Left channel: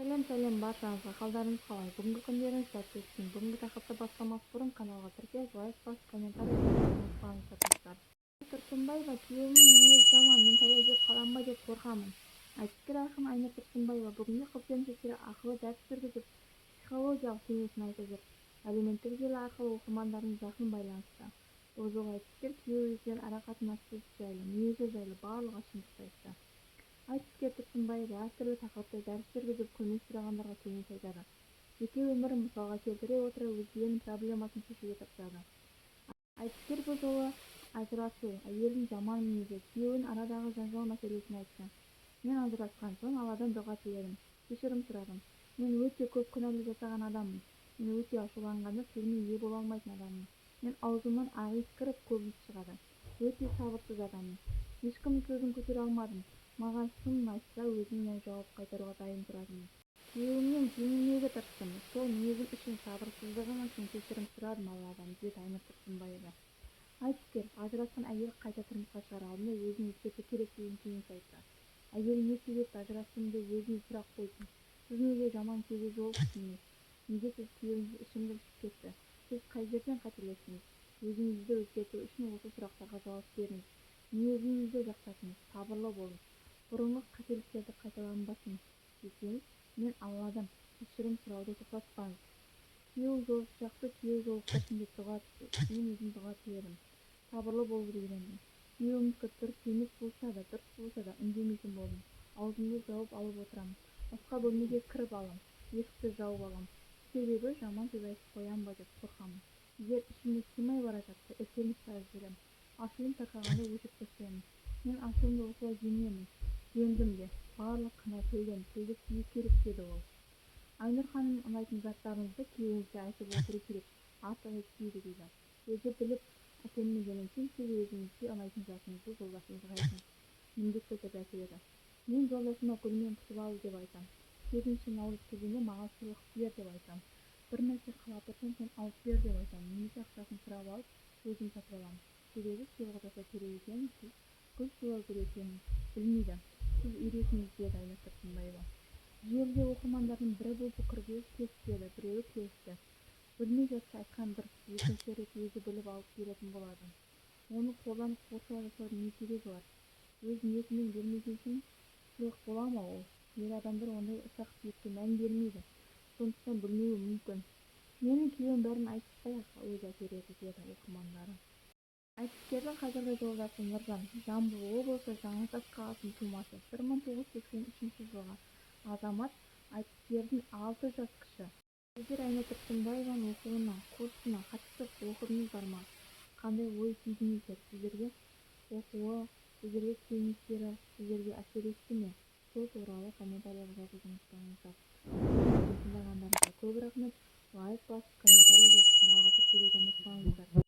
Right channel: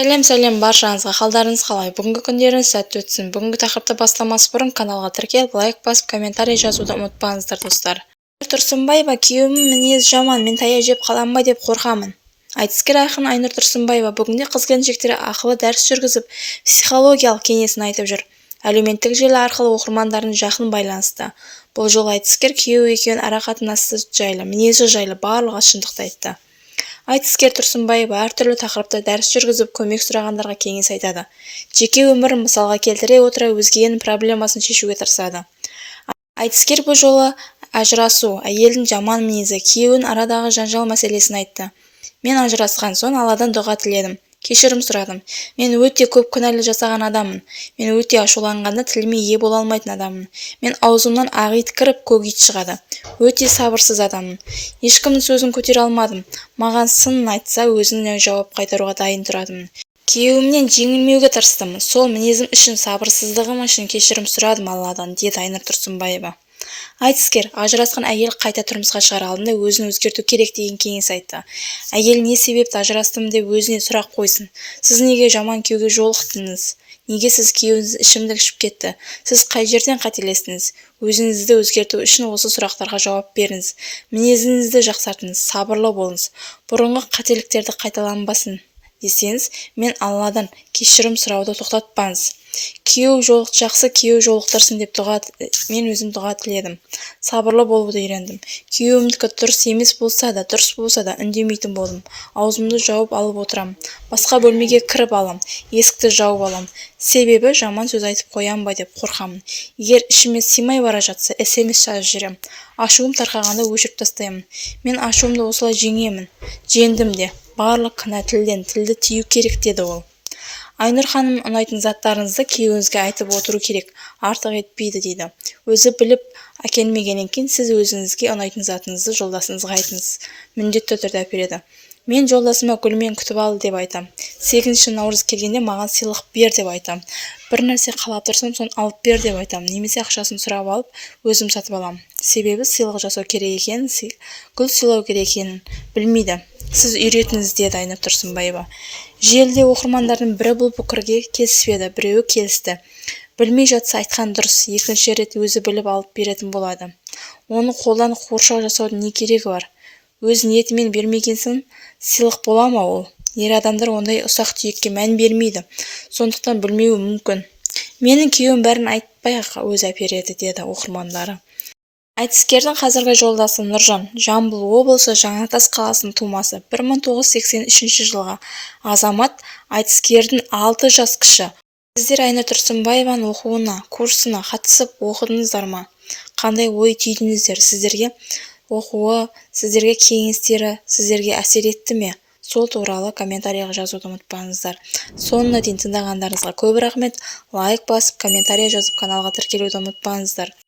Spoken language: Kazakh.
Сәлем баршаңызға, қалдарыңыз қалай? Бүгінгі күндеріңіз сәтті өтсін. Бүгінгі тақырыпты бастамас бұрын каналға тіркеліп, лайк басып, комментарий жазуды ұмытпаңыздар, достар. Айнұр Тұрсынбаева: күйеуімнің мінезі жаман, мен таяқ жеп қалам ба деп қорқамын. Айтыскер ақын Айнұр Тұрсынбаева бүгінде қыз-келіншектер ақылы дәріс жүргізіп, психологиялық кеңесін айтып жүр. Әлеуметтік желі арқылы оқырмандарын жақын байланысты. Бұл жолы айтыскер күйеуі екеуінің арақатынасы жайлы, мінезі жайлы барлығы шындықты айтты. Айтыскер Тұрсынбаева әртүрлі тақырыпта дәріс жүргізіп, көмек сұрағандарға кеңес айтады. Жеке өмірін мысалға келтіре отыра өзгенің проблемасын шешуге тырысады. Айтыскер бұл жолы ажырасу, әйелдің жаман мінезі, күйеуінің арадағы жанжал мәселесін айтты. Мен ажырасқан соң Алладан дұға тіледім, кешірім сұрадым. Мен өте көп күнәлі жасаған адаммын. Мен өте ашуланғанда тіліме ие бола алмайтын адаммын. Мен аузымнан ақ ит кіріп, көк ит шығады. Өте сабырсыз адаммын. Ешкімнің сөзін көтере алмадым. Маған сынын айтса, өзіне жауап қайтаруға дайын тұратымын. Күйеуімнен жеңілмеуге тырыстым. Сол мінезім үшін, сабырсыздығым үшін кешірім сұрадым Алладан, деді Айнұр Тұрсынбаева. Айтыскер ажырасқан әйел қайта тұрмысқа шығар алдында өзін өзгерту керек деген кеңес айтты. Әйел не себепті ажырастым деп өзіне сұрақ қойсын. Сіз неге жаман күйеуге жолықтыңыз? Неге сіз күйеуіңіз ішімдік ішіп кетті? Сіз қай жерден қателестіңіз? Өзіңізді өзгерту үшін осы сұрақтарға жауап беріңіз. Мінезіңізді жақсартыңыз, сабырлы болыңыз. Бұрынғы қателіктерді қайталанбасын десеңіз, мен Алладан кешірім сұрауды тоқтатпаңыз. Жақсы күйеу жолықтырсын деп мен өзім дұға тіледім. Сабырлы болуды үйрендім. Күйеуімдікі дұрыс емес болса да, дұрыс болса да үндемейтін болдым. Аузымды жауып алып отырам. Басқа бөлмеге кіріп алам, есікті жауып алам. Себебі жаман сөз айтып қоям ба деп қорқамын. Егер ішіме сыймай бара жатса, SMS жазып жіберем. Ашуым тарқағанда өшіріп тастаймын. Мен ашуымды осылай жеңдім де. Барлық кінә тілден, тілді тию керек, деді ол. Айнұр ханым, ұнайтын заттарыңызды күйеуіңізге айтып отыру керек, артық етпейді, дейді. Өзі біліп әкелмегеннен кейін сіз өзіңізге ұнайтын затыңызды жолдасыңызға айтыңыз. Міндетті түрде әпереді. Мен жолдасыма гүлмен күтіп алды деп айтам. 8 наурыз келгенде маған сыйлық бер деп айтам. Бір нәрсе қалап тұрсам, соны алып бер деп айтам. Немесе ақшасын сұрап алып, өзім сатып алам. Себебі сыйлық жасау керек екенін, гүл сыйлау керек екенін білмейді. Сіз үйретіңіз, деді Айнұр Тұрсынбаева. Желіде оқырмандардың бірі бұл пікірге келіспеді, біреуі келісті. Білмей жатса айтқан дұрыс, екінші рет өзі біліп алып беретін болады. Оны қолдан қоршау жасаудың не керегі бар? Өз ниетімен бермегенсің, сыйлық бола ма ол? Ер адамдар ондай ұсақ түйекке мән бермейді, сондықтан білмеуі мүмкін. Менің күйеуім бәрін айтпай-ақ өзі әпереді, деді оқырмандары. Айтыскердің қазіргі жолдасы Нұржан, Жамбыл облысы Жаңатас қаласының тумасы, 1983 жылғы азамат. Айтыскердің 6 жас кіші. Сіздер Айнұр Тұрсынбаеваның оқуына, курсына қатысып оқыдыңыздар ма? Қандай ой түйдіңіздер? Сіздерге оқуы, сіздерге кеңестері, сіздерге әсер етті ме? Сол туралы комментарийға жазуды ұмытпаңыздар. Соңына дейін тыңдағандарыңызға көп рахмет. Лайк басып, комментарий жазып, каналға тіркелуді ұмытпаңыздар.